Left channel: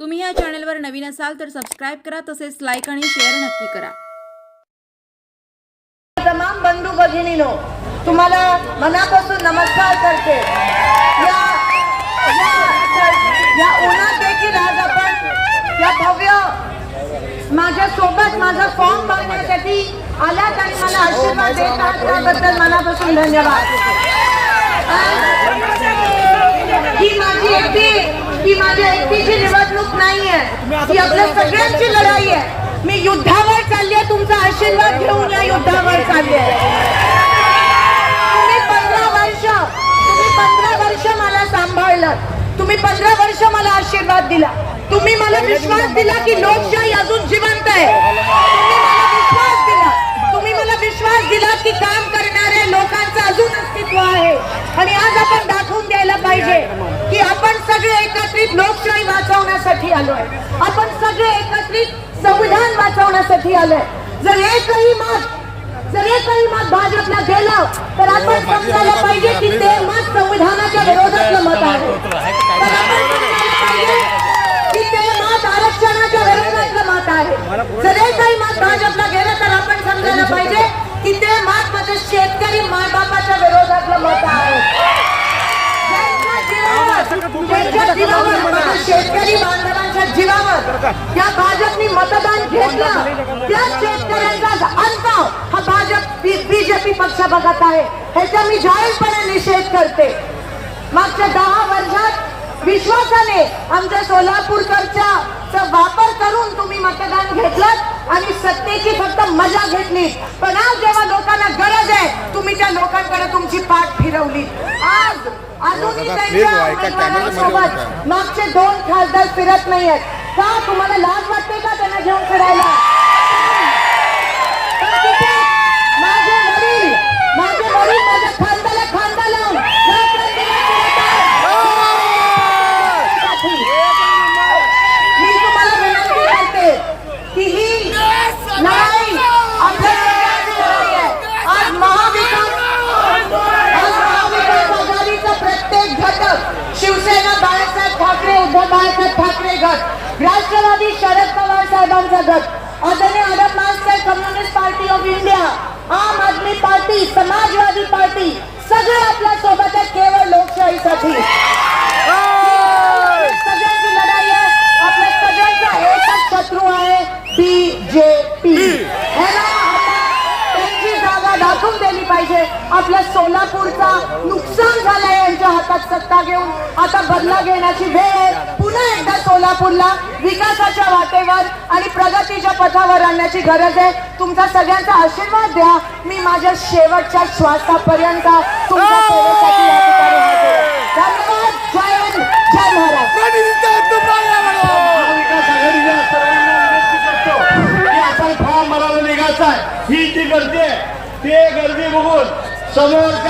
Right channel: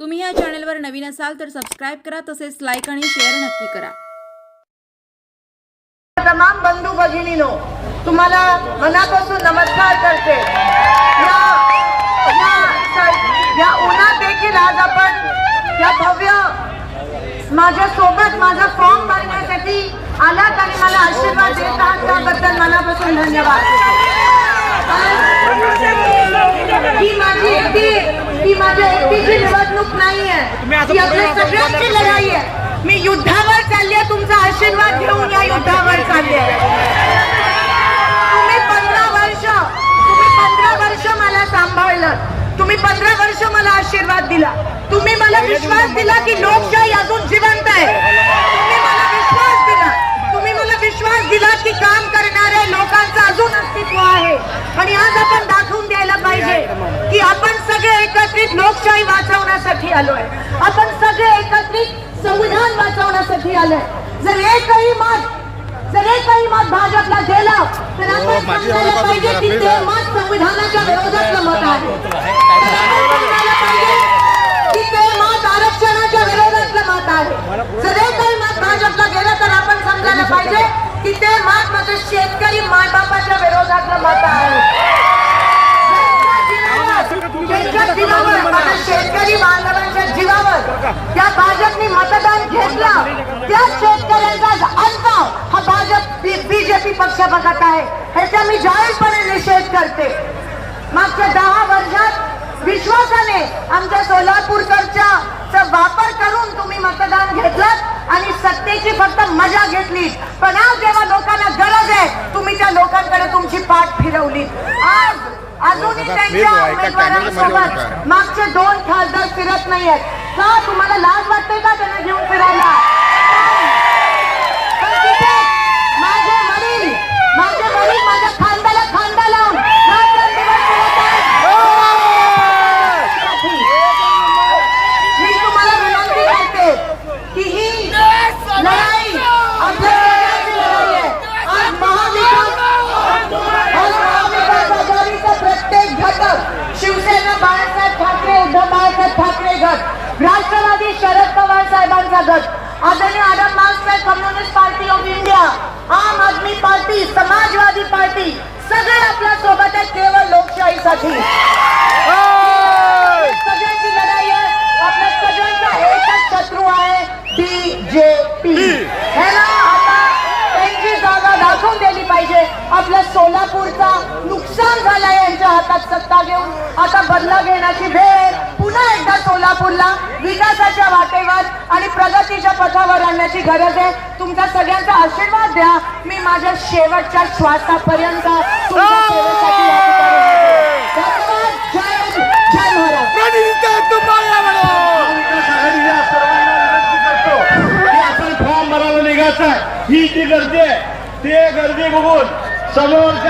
तुम्ही या चॅनलवर नवीन असाल तर सबस्क्राईब करा तसेच लाईक आणि शेअर नक्की करा. तमाम बंधू भगिनीनो तुम्हाला मनापासून नमस्कार करते. या या या उन्हात देखील आज आपण या भव्य माझ्या सोबत माझा फॉर्म भरण्यासाठी आलात आणि मला आशीर्वाद देत आहात. त्याबद्दल मनापासून धन्यवाद ही माझी एकटी ही माझ्या एकटीची निवडणूक नाहीये. ही आपल्या सगळ्यांची लढाई आहे. मी युद्धावर चालली आहे तुमचा आशीर्वाद घेऊन या युद्धावर चालली आहे तुम्ही पंधरा वर्ष तुम्ही पंधरा वर्ष मला सांभाळलं. तुम्ही पंधरा वर्ष मला आशीर्वाद दिला. तुम्ही मला विश्वास दिला की लोकशाही अजून जिवंत आहे. तुम्ही मला विश्वास दिला. तुम्ही मला विश्वास दिला की काम करणाऱ्या लोकांचं अजून अस्तित्व आहे. आणि आज आपण दाखवून द्यायला पाहिजे. लोकशाही वाचवण्यासाठी आलोय. आपण सगळे एकत्रित संविधान वाचवण्यासाठी आलोय. जर एकही मत जर एकही मत भाजपला गेलं तर आपण समजायला पाहिजे की ते मत संविधानाच्या विरोधातलं मत आहे. त्या भाजपनी मतदान घेतलं. त्या शेतकऱ्यांचा अंत हा भाजप बीजेपी पक्ष बघत आहे. ह्याचा मी जाहीरपणे निषेध करते. मागच्या दहा वर्षात विश्वासाने आमच्या सोलापूरकरच्या वापर करून तुम्ही मतदान घेतलं आणि सत्तेची फक्त मजा घेतली पण आज जेव्हा लोकांना गरज आहे तुम्ही त्या लोकांकडे तुमची पाठ फिरवली आज अजूनही दादा, त्यांच्या उमेदवारांसोबत. मागचे दोन खासदार फिरत नाहीयेत. का? तुम्हाला लाज वाटते का त्यांना घेऊन फिरायला? पण तिथे माझे वडील माझे वडील माझ्या खांद्याला खांदा लावून मी तुम्हाला विनंती करते की ही लढाई आपल्या शिवसेना बाळासाहेब ठाकरे उद्धव बाळासाहेब ठाकरे गट. राष्ट्रवादी शरद पवार साहेबांचा गट आदरणीय आदम साहेब communist party of India Aam Aadmi party Samajwadi party सगळे आपल्यासोबत आहेत केवळ लोकशाहीसाठी. सगळ्यांची लढाई आहे आपल्या सगळ्यांचा एकच शत्रू आहे बीजेपी हे ना आता त्यांची जागा दाखवून दिली पाहिजे. आपल्या सोलापूरचा नुकसान झालंय यांच्या हातात सत्ता घेऊन. आता बदला घेण्याची वेळ आहे. पुन्हा एकदा सोलापूरला विकासाच्या वाटेवर आणि प्रगतीच्या पथावर आणण्याची गरज आहे. तुमचा सगळ्यांचा आशीर्वाद द्या. मी माझ्या शेवटच्या श्वासापर्यंत तुमच्या सेवेसाठी या ठिकाणी हजर आहे. धन्यवाद. जय हिंद. जय महाराज महाविकास आघाडीच्या सर्वांना विनंती करतो की आपण फॉर्म भरायला निघायचा आहे. ही जी गर्दी आहे ते गर्दी बघून समोर